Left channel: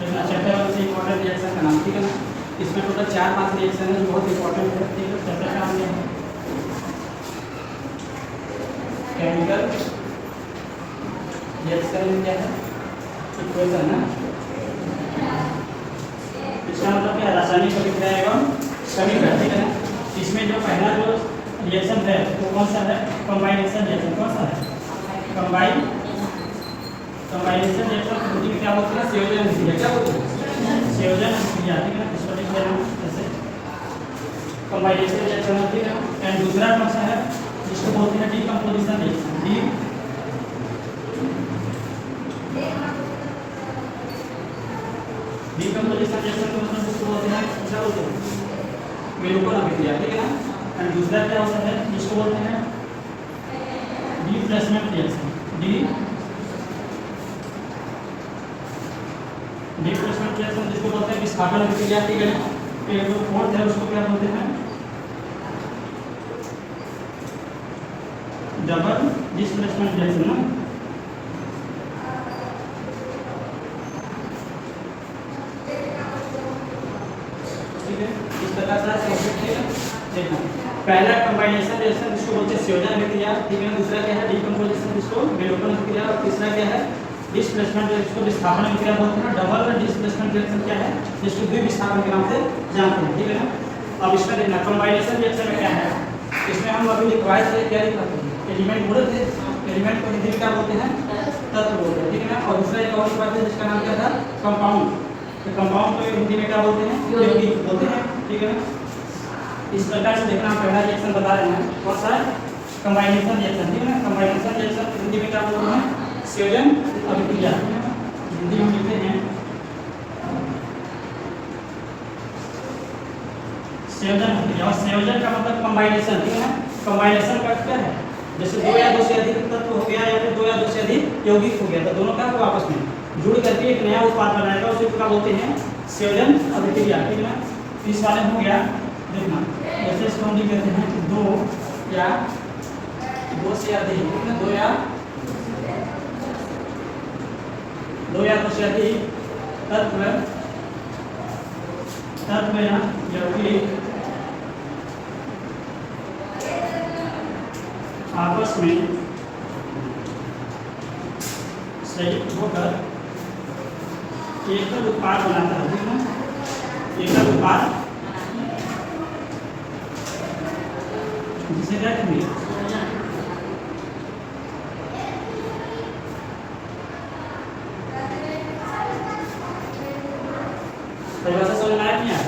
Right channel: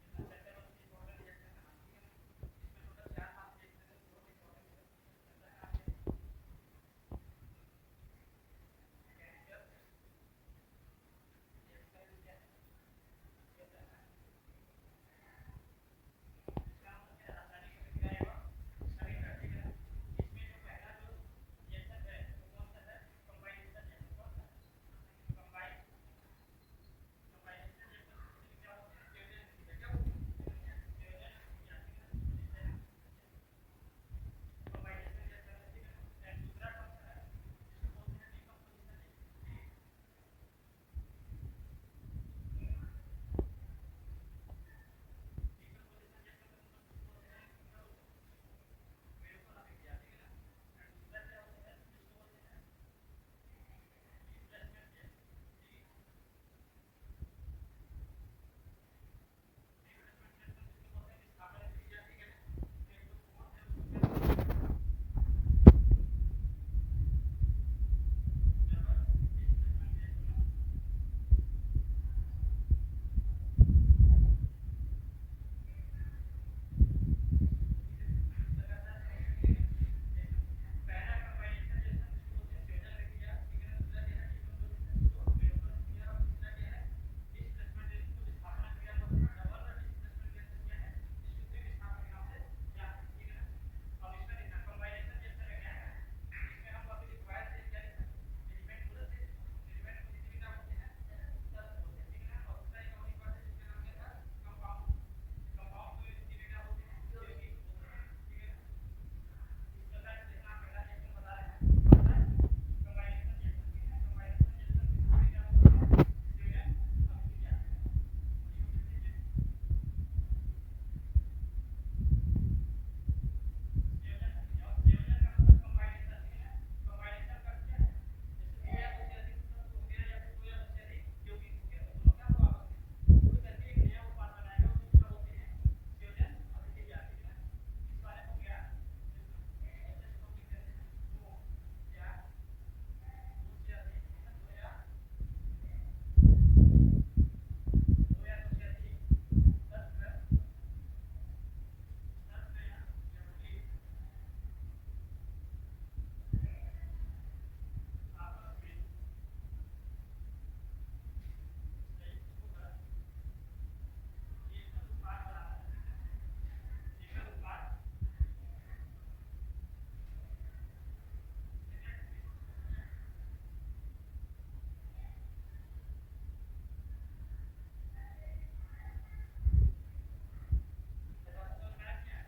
Chapter 1 से important reaction का नाम, ठीक है ना। इसमें टोटल 4-5 रिएक्शन है जो बहुत इंपॉर्टेंट है, ठीक है। चैप्टर का नाम है केमिकल रिएक्शन में क्या है, इक्वेशन है। इसका मतलब क्या है, रासायनिक अभिक्रिया एवं समीकरण, ठीक है ना। इसमें जो पहला जो रिएक्शन है वो कौन सा है, कॉम्बाइनेशन रिएक्शन। कौन सा है, कॉम्बाइनेशन रिएक्शन हिंदी में क्या बोलते हैं, संयोजन अभिक्रिया। क्या बोलते हैं, संयोजन अभिक्रिया, ठीक है ना। इसको लिख देना ऐसे, कॉम्बाइनेशन रिएक्शन, ठीक है। एंड दूसरा कौन सा है, जिसको बोलते हैं डीकंपोजिशन रिएक्शन। डीकंपोजिशन रिएक्शन को मतलब जिसको बोलते हैं, क्या बोलते हैं, विलोपन अभिक्रिया, ठीक है ना। एंड दूसरा क्या होता है, जिसको बोलते हैं डिप्लेसमेंट रिएक्शन। डिप्लेसमेंट रिएक्शन जिसको बोलते हैं विस्थापन अभिक्रिया, ठीक है। फिर जो फोर्थ है उसको क्या बोलते हैं, डबल डिस्प्लेसमेंट रिएक्शन ना। ठीक है, इस प्रकार से देखना। पहला कॉम्बाइनेशन रिएक्शन जिसको बोलते हैं संयोजन अभिक्रिया, ठीक है। दूसरा क्या है डीकंपोजिशन जिसको विलोपन अभिक्रिया, और तीसरा क्या है डिस्प्लेसमेंट जिसको विस्थापन अभिक्रिया बोलते हैं। डबल डिस्प्लेसमेंट रिएक्शन क्या है, जिसको द्विविस्थापन के नाम से जानते हैं, ठीक है ना। अब इसमें देखना कॉम्बाइनेशन रिएक्शन में क्या है, इसमें हम अभी लिखवाए थे, क्या लिखा थे, एलिमेंट बोले थे। एलिमेंट को हिंदी में क्या बोलते हैं, तत्व बोलते हैं, ठीक है ना। और दूसरा एक और लिखवाए थे जिसका नाम क्या था, कंपाउंड। तो कंपाउंड को हिंदी में क्या बोलते हैं, यौगिक बोलते हैं, ठीक है ना। इस प्रकार से देखना, पहला रिएक्शन बता रहे हैं कौन सा है, कंबाइनेशन रिएक्शन, ठीक है ना। कंबाइनेशन रिएक्शन हिंदी में क्या बोलते हैं, संयोजन अभिक्रिया, हिंदी में लिखते हैं संयोजन अभिक्रिया। और संयोजन का मतलब कंबाइनेशन, ठीक है ना। कंबाइनेशन का क्या है, जैसे दो या दो से अधिक तत्व हो गया या फिर दो या दो से अधिक यौगिक हो गया, तो दोनों का आपस में जुड़ करके एक नया उत्पाद बनाएगा, उसे क्या बोलते हैं, संयोजन अभिक्रिया, ठीक है ना। इस वाले हो गया, देखना जैसे इसको हम लिख देते हैं कि दो या दो से अधिक, दो या दो से अधिक तत्व या यौगिक आपस में संयुक्त होकर एकल उत्पाद बनाता है, ठीक है ना। एकल उत्पाद जिसे क्या कहेंगे, परिभाषा समझ में आया नहीं आया।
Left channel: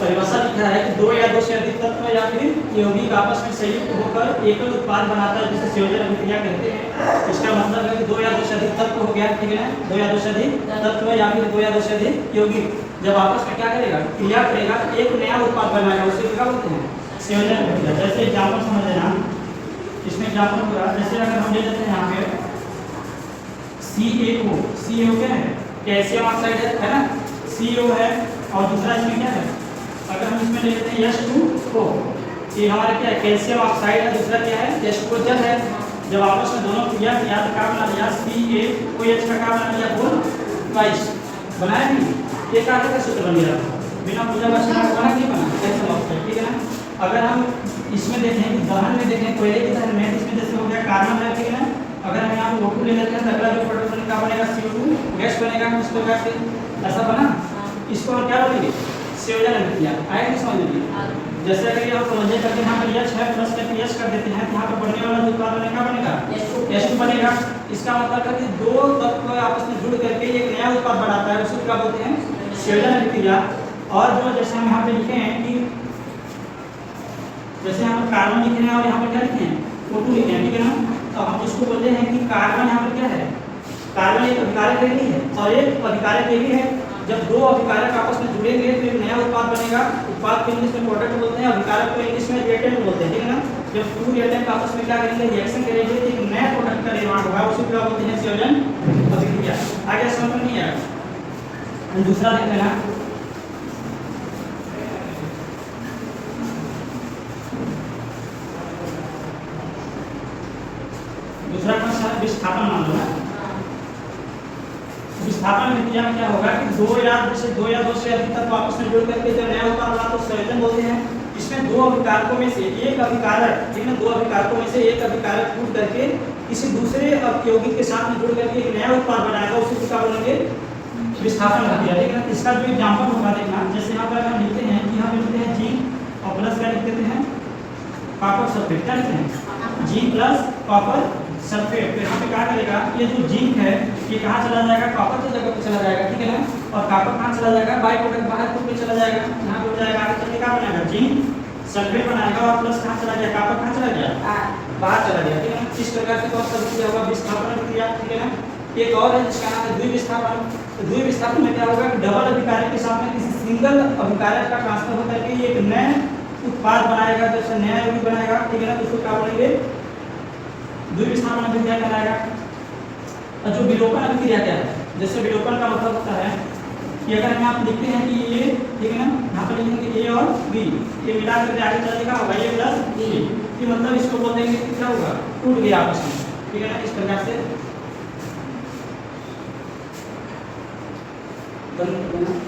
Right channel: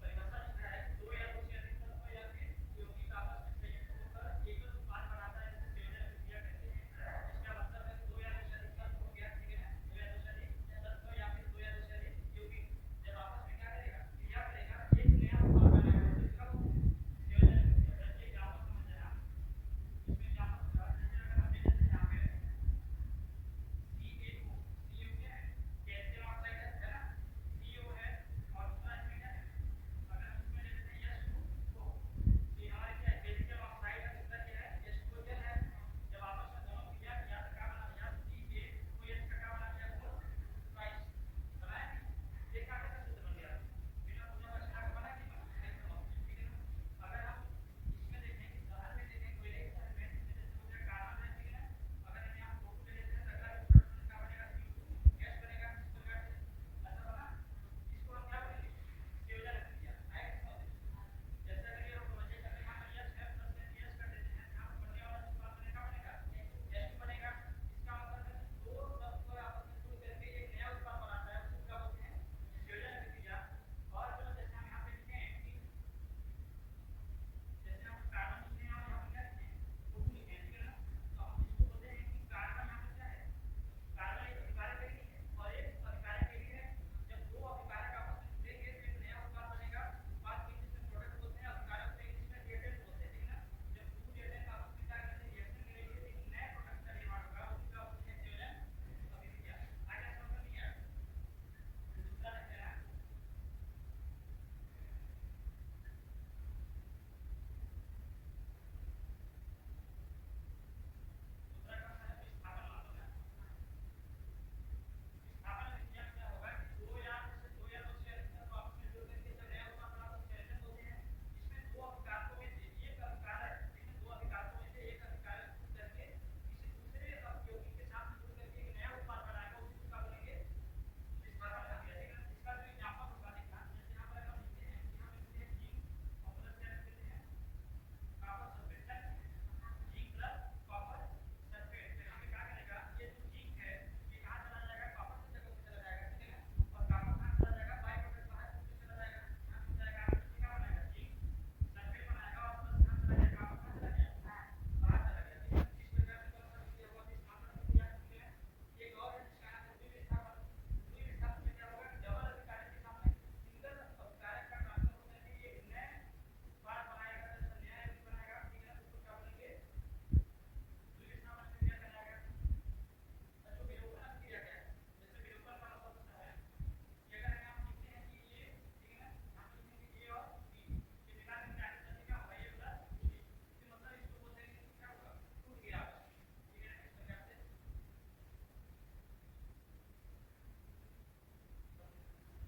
परिभाषा लिखा है कि दो या दो से अधिक तत्व या फिर यौगिक आपस में संयुक्त होकर एकल उत्पाद बनाता है, जिसे संयोजन अभिक्रिया कहते हैं। इसका मतलब है कि दो या दो से अधिक तत्व हो गया, ठीक है ना। दो या दो से अधिक तत्व या फिर दो या दो से अधिक यौगिक जब आपस में क्या करेगा, क्रिया करेगा, एक नया उत्पाद बनाएगा, उसे क्या बोलते हैं, संयोजन अभिक्रिया। जैसे एग्जाम्पल समझ लेना, इसमें एग्जाम्पल पूरा, जैसे अगर हम ले लेते हैं यहाँ पे CaO, CaO क्या है, कैल्शियम ऑक्साइड है ना, CO है। और दूसरा इसमें क्या है, अगर हम इसमें ले लेते हैं H2O, ये हमारा क्या है, कैल्शियम ऑक्साइड है। दूसरा क्या है, H2O जल है। जब आपस में दोनों क्रिया किया तो क्या बना लिया, CaOH का क्या बना लिया, बोल ट्वाइस बनाया नहीं, एक आगे का सूत्र बन गया, बिना पूजा वाचन का बना नहीं बना कैल्शियम ऑक्साइड, ठीक है ना। अगर हम इसमें देखें कि दहन में देखें, कोयले की दहन में, इसमें जैसे हो गया कार्बन है, ठीक है ना। अगर हम यहाँ पे O2 ले लेते हैं तो अगला जो प्रोडक्ट क्या बनेगा, CO2 गैस बनेगा, इस प्रकार से ऐसा बना। इसको हम क्या बोलेंगे, संयोजन अभिक्रिया। आया नहीं समझ लीजिए। जैसे अगर ये हम समझे करके यहाँ पर H है प्लस करके H कर देते हैं, तो यहाँ पर बनने वाला जो उत्पाद बनेगा, क्या बनेगा, H2 बनेगा। इसका मतलब है कि दो तत्व आपस में जुड़ करके एक नया उत्पाद बनाता है, उसे क्या बोलते हैं, संयोजन अभिक्रिया। और जो जैसे हम यहाँ पे लिखे हैं कि जैसे यहाँ पर कार्बन लिखे हैं और यहाँ पर क्या लिखे हैं, O2 लिखे हैं, ठीक है ना। तो हम इसको बोलते हैं कि कार्बन यहाँ पर क्या है, कार्बन एक अभिकारक नहीं है और एक अभिकारक भी है। जब दो अभिकारक आपस में जुड़ेंगे तो एक नया उत्पाद बनेगा। उत्पाद को इंग्लिश में प्रोडक्ट बोलते हैं, अभिकारक को इंग्लिश में रिएक्टेंट बोलते हैं, ठीक है ना। जब टू रिएक्टेंट आपस में क्या करेंगे, रिएक्शन करेंगे, तो एक नया प्रोडक्ट का निर्माण होगा, उसे क्या बोलते हैं, संयोजन अभिक्रिया। आगे समझ में नहीं आया। दूसरा देख लेना, दूसरा कौन सा है, विस्थापन मान लो ना। विस्थापन विस्थापन अभिक्रिया में क्या होगा कि दो या दो से अधिक तत्व आपस में जुड़ करके जब नया उत्पाद बना तो संयोजन बोलते हैं। इसमें दो अभिकारकों में से एक अभिकारक, ठीक है, दो अभिकारकों में से एक अभिकारक टूट करके किसी दूसरे यौगिक के साथ में जुड़ करके एक नया उत्पाद बनाएगा, उसी को क्या बोलेंगे, विस्थापन अभिक्रिया। ठीक है, इसका जो एग्जांपल होगा देखना, जैसे यहाँ पर हम लिखते हैं कि यहाँ पे लिखते हैं जिंक और प्लस क्या लिख देते हैं, कॉपर सल्फेट। क्या लिखते हैं, जिंक प्लस कॉपर सल्फेट। तो यहाँ पे क्या करेगा, ये जो जिंक है ये कहाँ चला जाएगा, कॉपर की जगह पे चला जाएगा, ठीक है ना, और कॉपर कहाँ चला जाएगा, बाई प्रोडक्ट बाहर पे चला जाएगा, यहाँ पे हो जाएगा, आगे चल के क्या बनाएगा, जिंक सल्फेट बनाएगा, और प्लस कहाँ चला गया, कॉपर कहाँ चला गया, बाहर चला गया, ठीक है ना। इस प्रकार से कौन सा अभिक्रिया होगा, विस्थापन अभिक्रिया, ठीक है ना। एक और है जिसका नाम है द्विविस्थापन। तो द्विविस्थापन में क्या होगा कि डबल अभिकारक के साथ में किसी सिंगल अभिकारक का ट्रांसफर होकर के एक नए उत्पाद बनाएगा, जैसे नया यौगिक बनाएगा, ठीक है ना, तो उसको क्या बोलेंगे, द्विविस्थापन अभिक्रिया कहलाएगा। और जो विलोपन अभिक्रिया क्या है, जैसे विलोपन का मतलब होता है कि अगर हम आप लिखते हैं कि ये, ठीक है ना, यहाँ पर लिखेंगे ए और बी, ये मिला करके आगे चलेगा होगा ए प्लस बी, कि मतलब इसको बोल देंगे कि क्या होगा, टूट गया आपस में, ठीक है ना। इस प्रकार से बंद करना।